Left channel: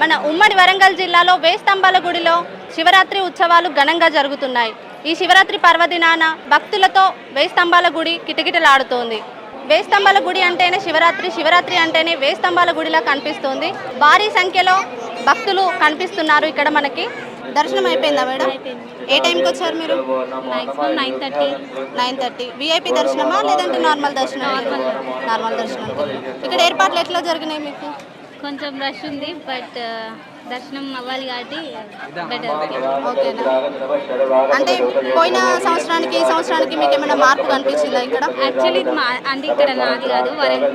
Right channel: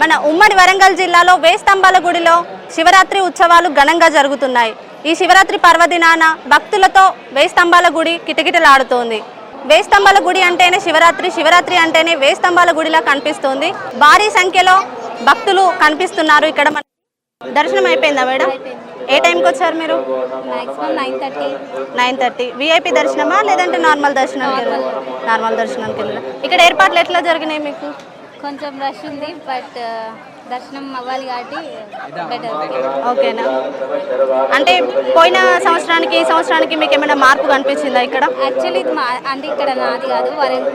మన ఉమ్మడి వరంగల్ జిల్లాలో వేస్తంబాల గుడిలో శివరాత్రి ఉత్సవాలు ఘనంగా జరుగుతున్నాయి. ఈ శివరాత్రి పర్వదినాన భక్తులతో వేస్తంబాల గుడి కిటకిటలాడుతోంది. వేస్తంబాల గుడి అంటేనే శివరాత్రి, శివరాత్రి అంటేనే వేస్తంబాల గుడిలా కనిపిస్తోంది. భారీ సంఖ్యలో భక్తులు కనిపిస్తున్నారు. ఇక్కడ మనకి దర్శనం అయిపోయిందా మేడం? ఏ టైంకి వచ్చారు మీరు? 9:30. విఐపి దర్శనమా లేదంటే నార్మల్ దర్శనం? నార్మల్ దర్శనానికి వెళ్ళాం. ఇక్కడ ఏర్పాట్లు ఎట్లా జరిగినాయి మీకు? కొంచెం రష్ ఉంది, బట్ దర్శనం అవ్వాలి కాబట్టి బెటర్. ఓకేనా? అంటే పోయిన సంవత్సరానికి ఈ సంవత్సరానికి మీకు ఏమైనా మార్పు కనిపించిందా ఇక్కడ? యాక్చువల్లీ అంటే ఇక్కడ నాది కాదు,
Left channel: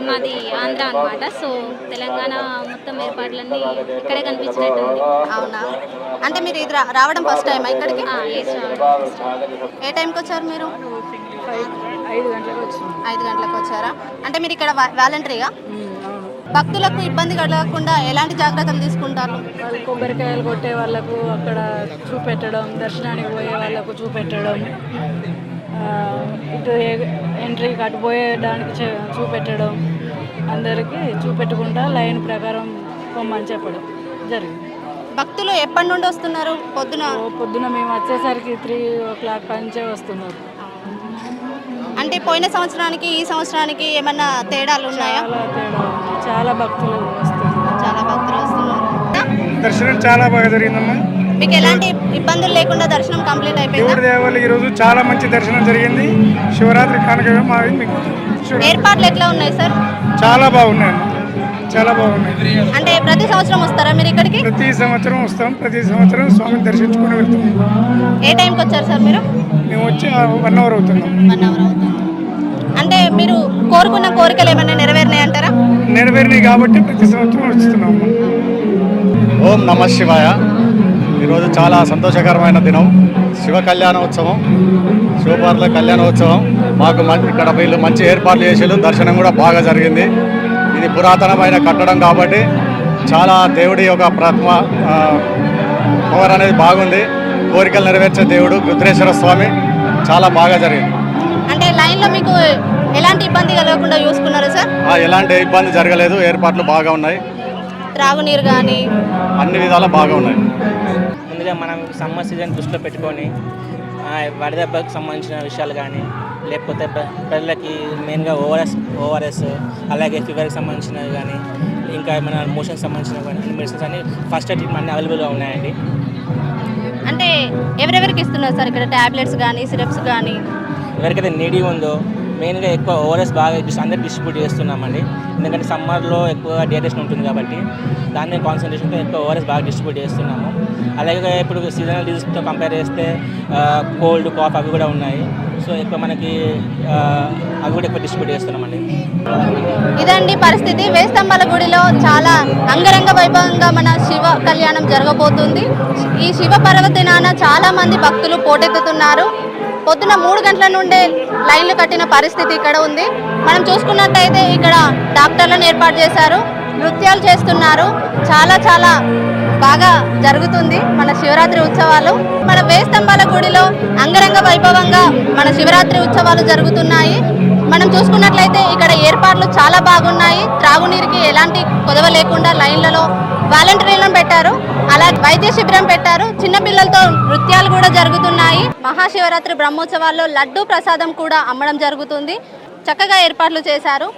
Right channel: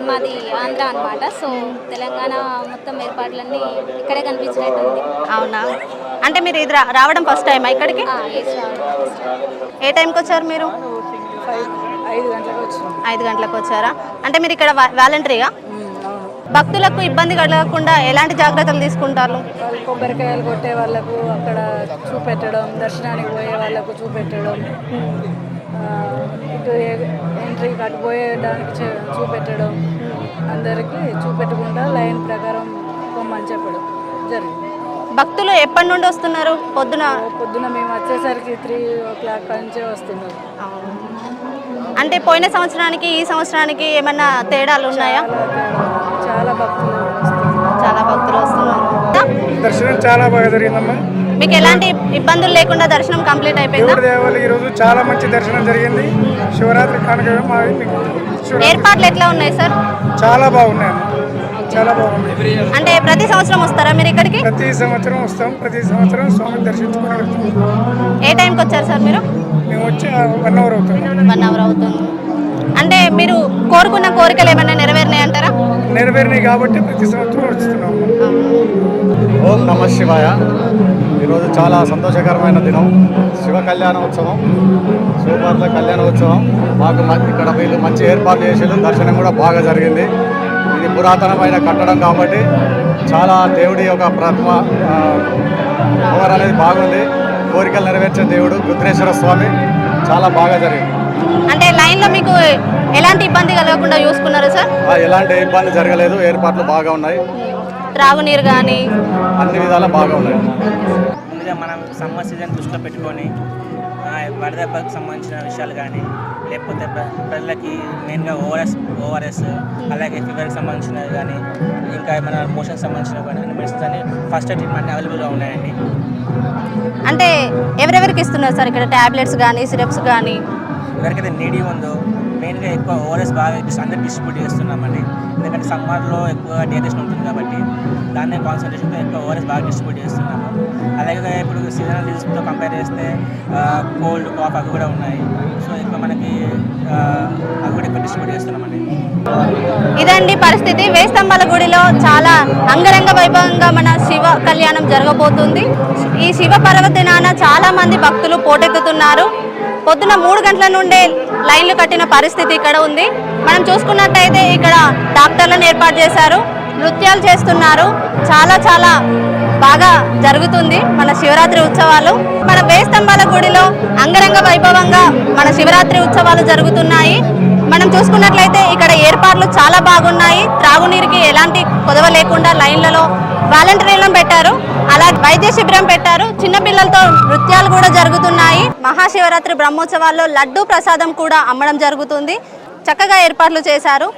మాది ఆంధ్ర అనమాట. సో తెలంగాణ మొత్తం ఏర్పాట్లన్నీ ఇక్కడే కనిపించినట్టు ఉంది. అవునా? అంటే మీరు ఇది రావడం ఫస్ట్ టైమా ఇక్కడికి? ఏ టైంకి వచ్చారు మీరు? 5 గంటలకు వచ్చారా? అంటే మీరు ఇక్కడ వాలంటరీగా? భక్తులకు ఇబ్బంది కలగకుండా ఎలాంటి జాగ్రత్తలు తీసుకుంటారు? కొబ్బరికాయలు కొట్టే వాళ్ళకు అక్కడ చూపెట్టడం, దర్శనానికి పోయే వాళ్ళకు చూపెట్టడం, ఇటు ఎంట్రీ కట్టు పోయేదానికి చూపెట్టడం, అందరికీ చూపెట్టకుండా లైన్ ప్రకారం పొమ్మని చెప్పడం జరిగింది. భక్తులు ఎప్పటి నుండి వస్తున్నారు? పొద్దున మేము వచ్చేసరికి 3 నుంచే వస్తున్నారు. అంటే పోయిన సంవత్సరానికి ఈ సంవత్సరానికి ఏమన్నా తేడాలు ఉన్నాయా? చాలా భక్తులు వస్తున్నారు. దర్శనం చాలా బాగా జరిగిందమ్మా. మీకు ఎలాంటి ఇబ్బందులు లేకుండా దర్శనం కంప్లీట్ అయిపోయింది. ఈరోజు చాలా మంచి దర్శనం జరిగింది. శివరాత్రి కానుక ఏర్పాట్లు ఎట్లా ఉన్నాయి సార్? చాలా బాగున్నాయి, చాలా బాగున్నాయి. అంటే ప్రతి సంవత్సరం వస్తారా మీరు ఇక్కడికి? ప్రతి సంవత్సరం వస్తాం. ప్రతి సంవత్సరం స్వామిని దర్శించుకుని వెళ్తాం. ఏ టైంకి వచ్చారు సార్ మీరు? మేము వచ్చి 1 అవర్ అవుతుంది. 1 అవర్ అవుతుంది. అంటే మీరు కోరుకున్న కోరికలు ఏమైనా నెరవేరినాయి అంటారా? నెరవేరినాయి కాబట్టి ప్రతి సంవత్సరం వస్తున్నాం. ఓం నమః శివాయ. ఈరోజు చాలా సంతోషకరమైన దినం. శివ కళ్యాణోత్సవం, శివపార్ల కళ్యాణోత్సవం. మాకు ఇక్కడ వీళ్ళు మంచి ఏర్పాట్లు చేసేది, దర్శనం కూడా బాగా జరిగింది. ఇది పురాతనమైన కట్టడం కాబట్టి చాలా దేవుడి యొక్క ప్రతిమ పవర్ అనేది బాగుంది. కోరికలు నెరవేర్చే దేవుడు రుద్రేశ్వర స్వామి. చాలా బాగా జరిగింది. అంటే లైన్లో మీకు ఎలాంటి ఇబ్బంది కలగకుండా చూసుకున్నారు సార్? ఎలాంటి ఇబ్బంది జరగలేదు. ఏర్పాట్లు బాగా ఉన్నాయి. త్రాగునీరు కానీ అన్ని విధాలు బాగా ఉన్నాయి. ముందుగా మనం సమ్మర్ సీజన్ దృష్టిలో పెట్టుకొని వడదెబ్బకు సంబంధించిన విషయాలు కానీ, లేకపోతే ప్రజలకి మెయిన్గా ఓఆర్ఎస్ అలాగే ఫీవర్కి సంబంధించినవి కానీ, ఇంకా మన మోషన్కి సంబంధించిన మెడిసిన్స్ అని ఫస్ట్ ఎయిడ్ ట్రీట్మెంట్ అవైలబుల్గా ఉన్నాయండి. అంటే ఎవరెవరికి ఇస్తున్నారు సార్ ఇక్కడ? ట్యాబ్లెట్స్ కానీ సిరప్స్ కానీ? ఎవరికైతే నీడీ ఉందో మెయిన్గా ఎక్కువ ఓఆర్ఎస్ బాగా అందరూ డిస్ట్రిబ్యూట్ చేస్తున్నామండి. ఎందుకంటే సమ్మర్లో ఎక్కువ డిహైడ్రేషన్ ఉంటుంది కాబట్టి దాన్ని కాన్సన్ట్రేషన్తో ఎక్కువ ఓఆర్ఎస్ బాగా డిస్ట్రిబ్యూట్ చేస్తున్నాము. అలాగే ఇప్పుడు సీజనల్ డిజీస్తో కంపేర్ చేస్తే కోల్డ్, కాఫ్ అవి కూడా ఉన్నాయి. సో ఎక్కువ మనకి అవి కూడా ఎక్కువ డిస్ట్రిబ్యూట్ చేస్తున్నామండి. ఇదండి పరిస్థితి. వేస్తంబాల గుడిలో చాలా అంగరంగ వైభవంగా మన శివ కళ్యాణం జరగబోతుంది. ఈ శివ పర్వదినాన చాలా మంది భక్తులు పోటెత్తుతున్నారు. పొద్దున 3 గంటల నుండే లైన్లు కట్టిన పరిస్థితి ఇక్కడ ఉంది. మనం చూసుకున్నట్టయితే ఇక్కడ డాక్టర్లను ఏర్పాటు చేశారు, నృత్యాలు చేస్తున్నారు. చాలా బాగా జరుగుతుంది మన శివరాత్రి ఉత్సవాలు. మన వేస్తంబాల గుడిలో అంగరంగ వైభవంగా మన శివరాత్రి ఉత్సవాలు జరుగుతున్నాయి. మనం చూసుకున్నట్లయితే ఇక్కడ ఏర్పాట్లు చాలా బాగున్నాయి. త్రాగునీరుకి ఎలాంటి కొదవ లేకుండా లైన్లలో వాలంటీర్లను పెట్టారు, అలాగే వైద్య శిబిరం పెట్టారు. చిన్నపిల్లలతో నృత్యాలు కూడా జరుగుతున్నాయి. మహాశివరాత్రి బ్రహ్మోత్సవాల్లో లడ్డూ ప్రసాదం కూడా అమ్మడం జరుగుతుంది. చక్కగా ఏర్పాట్లు చేశారు.